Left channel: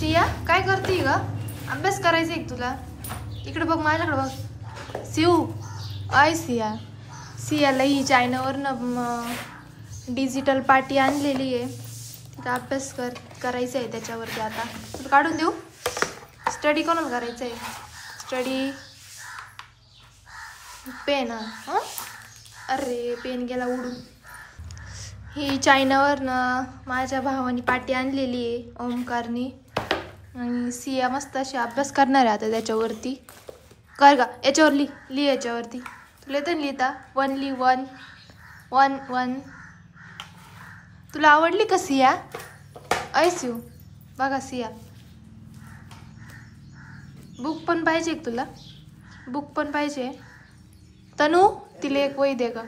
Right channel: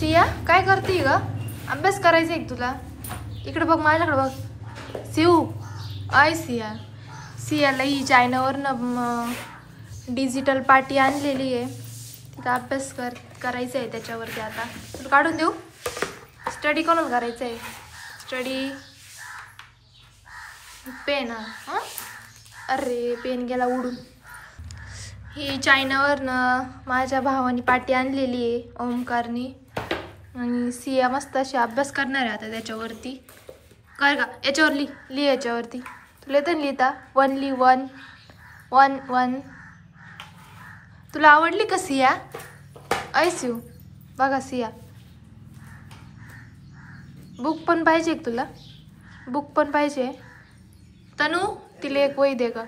सिया काय करते ग? अभ्यास करायचा आहे तुला? इकडे बघ, माझ्याकडे बघ. शिव आय सिया. सियाला ही चायनावरनं डिजिटल पाटी आणलेली आहे. तिथं अभ्यास करायचा आहे त्याच्यावरती. आता तुला काढून देऊ? स्टडी कोणाला करायचं आहे? Study pen. हां अरे पेन गेला उडून. ही चायनावरनं माझ्या भावानी पाटी आणलेली आहे ओमकारनी. आणि सिया मस्त अशी अभ्यास करणार आहे आता त्याच्यावरती. कर का याच्यावर लिह याच्यावरती. तुला येतं लिहिता? 1 लिह 1 1 1. तुला आवडली का सिया? ऐसिव बघा सिया. बुक पण पाहिजे तुला? बुक पण पाहिजे? तनू तिला एक वही दे का?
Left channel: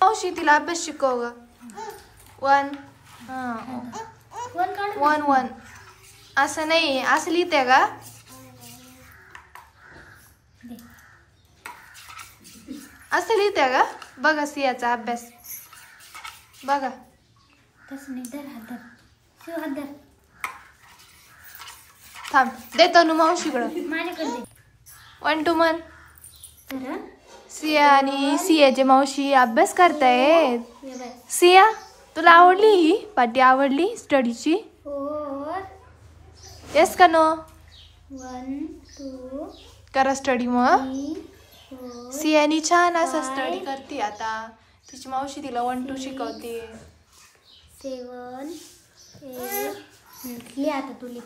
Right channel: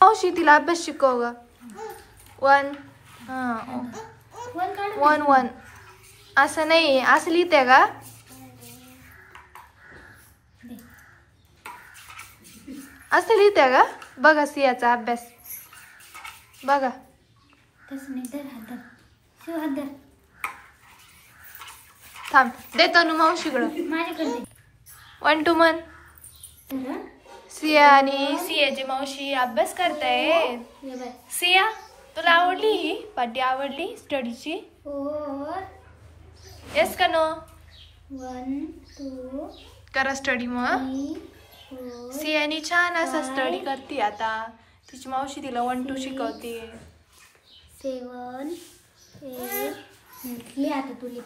मावशी तिला अभ्यास शिकव ग. 1 हां 1 1. असं नाही, असं लिहिते का? असं लिहिते का? बघा सियाचा अभ्यास बघा. थांब देतो ना मावशीकडं. 1 2 1. सिया आणि सियाची मावशी अभ्यास करतायत. सिया तुला आवडली ही पाटी? आवडली स्टडीची? येस का नो? 1 2 करा स्टडी. मग सियानी छान असा स्टडी करते आता. तिची मावशी तिला 1 2 शिकवते. 7 8. लिहा आता तू लिह.